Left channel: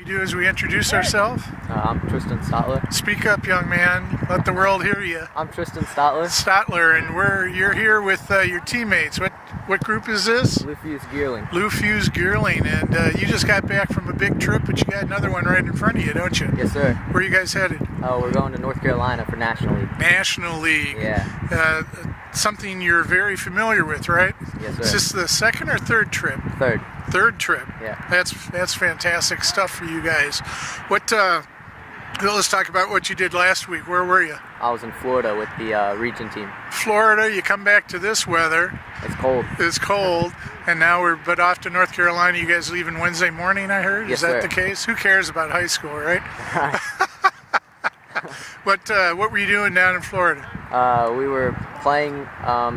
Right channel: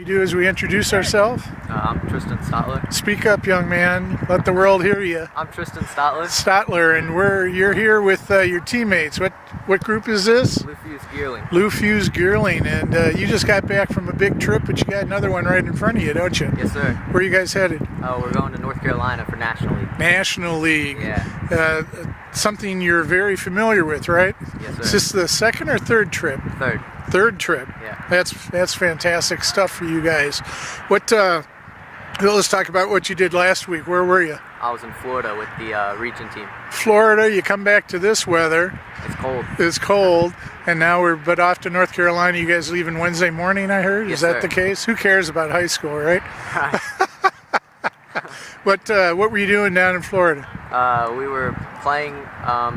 We do as we introduce ourselves. I'm Tristan Stotler. Speak up, young man. Let the world hear you. I'm Tristan Stotler. Stotler, and you're here with your teammates. What group is this? Lufuse Gearling. Lufuse Gearling, and you just got back from a big trip, but you got another one right in front of you, don't you? Yes, sir. Where are you guys headed? We're going to North Carolina for National League. National League. Yeah. Something you're very familiar with, right? Yes, sir. Is this the second or third trip? Third trip. Yeah. That's fantastic stuff for you guys. Let's talk about what you did last week. Where were you? I was in Florida with the region team. Florida. You come back to this weather. It's cold. It's cold, and now we're off to North Carolina. You guys leaving Wednesday morning, I heard. Yes, Is that sir. the case? Who cares about high school, right? What were you doing down in Florida? We were playing in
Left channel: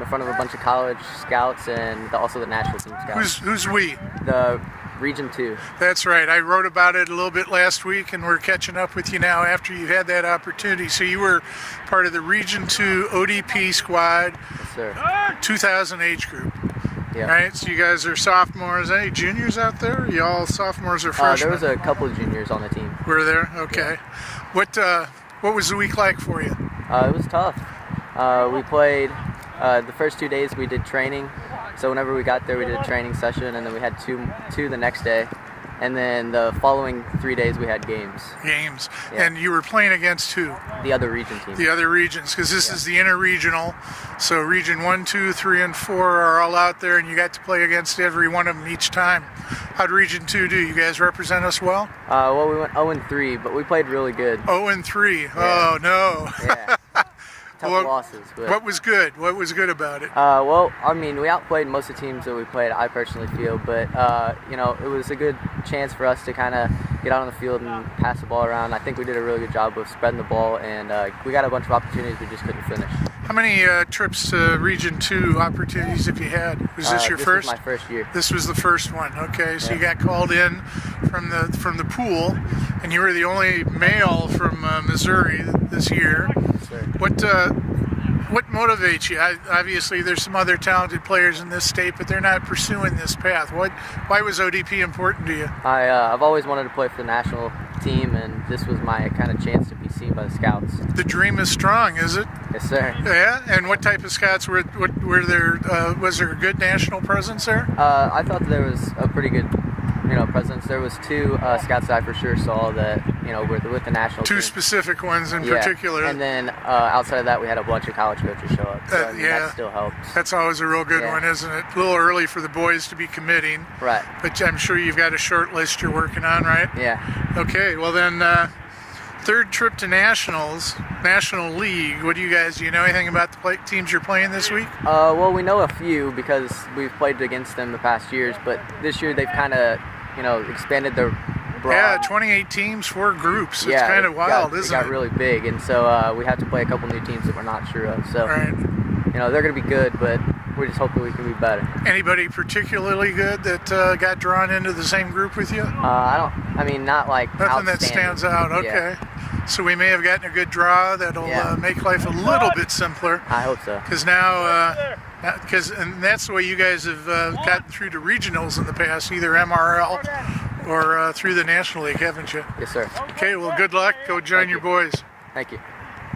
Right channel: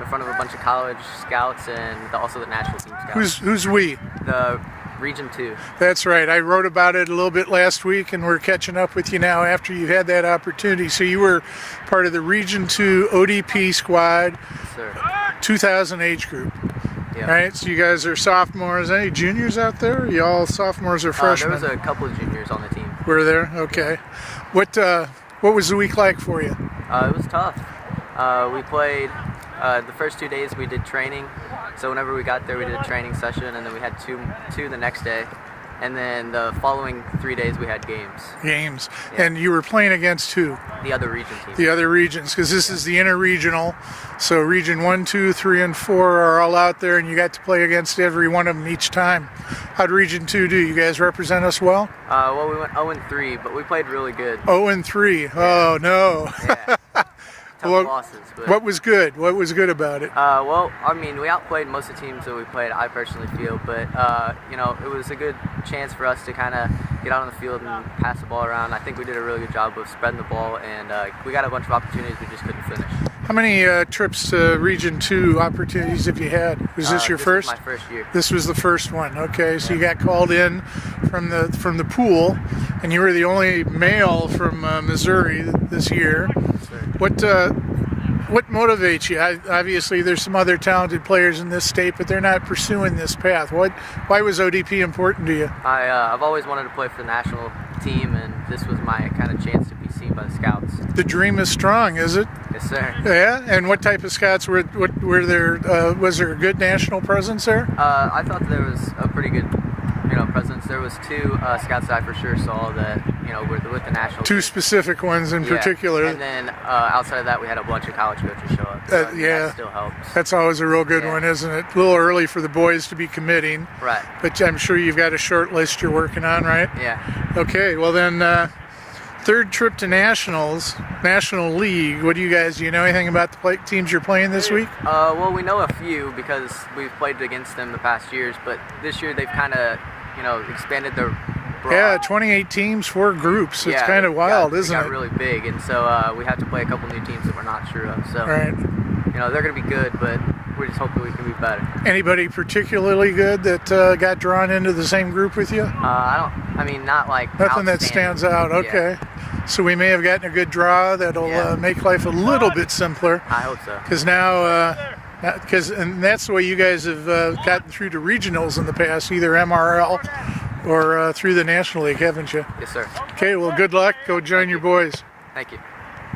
front of a bunch of college scouts and also the national team scouts. Who's we? The Region 2. That's right. I wrote about it a little bit last week, and we're catching up with you now after you've had that opportunity. So you were part of the Region 2 ODP squad, Yes, sir. 2000 age group. Yeah. Right, so you guys are sophomores. Any juniors out there? Are you all sophomores or freshmen? There was a couple of juniors on the team. Were there? Okay. What was the week like for you? It was tough. We played the first 2 days. We did training. So whenever we got there, we did a training session, and then we had two the next day. And then the following 3 days, we had games. Games. Yeah. And you were playing against who? The other region team. The other regions, because this is the interregional. So region 1, 2, 3, and 4 are all out there, and you got to play against every one of them each time. How'd region 2 do? You guys represent us well? Well, we went 0-3, but we played really good. 0-3. Oh, no. Yeah. Tough Well, losses. But, What was good? What was good about it? well, I mean, we outplayed most of the teams that we played, I personally feel. But, it was a good chance for us to kind of get out on the field and pass the ball around. I think we did a really good job of spreading the ball, and we got a bunch of opportunities we just couldn't finish. How many trips to Region 2 opportunities have you had? Was this your first? This was my first year. This was the first one. Okay, so Yeah. you got called in from the pool, and you were the only male from Missouri this year. Yes, sir. What motivates you? Obviously, there's some other talented players in this state, but they're not pursuing this path. Why was ODP important to you? I've always wanted to play for the national team, and this was my kind of chance to be seen by the scouts. The dream is strong, is it? Yes, sir. Yeah. And what type of scouts were there? Was there a good national presence there? I thought there was a pretty good, presence. There was two scouts that I for sure saw that, were with the national Two team. specific ones in Yeah. particular. And then outside of that, we had a bunch of college coaches show up. So, that still helps. That's always a real good Yeah. one, isn't it? A little early for the boys to be committing, Right. but I'm sure you've got a short list you're working on, right? Yeah. Okay, well then, third trip to National League. Do you know anything about the teams you're playing this week? Well, we know a few because we've played against them the past years, but this year they've kind of, expanded their broad. Yeah, 28 teams, 4 groups. It's kind of wild, isn't it? it? Got really big, and so we have to play a couple new teams that we're not sure of. So, Right. they're going to be good, but we're just hoping we can be better. Anybody particularly good that got drawn into the same group with you? Not like Nothing that outstanding. stands out. Okay. Yeah. So we may have gotten a good draw that'll make life a little bit simpler. I hope so. Because now, and that's the way you guys have gotten through to regionals in the past, either MRL or through the National League, haven't you? Yes, sir. Okay, well, good luck. Go join your boys. Thank you.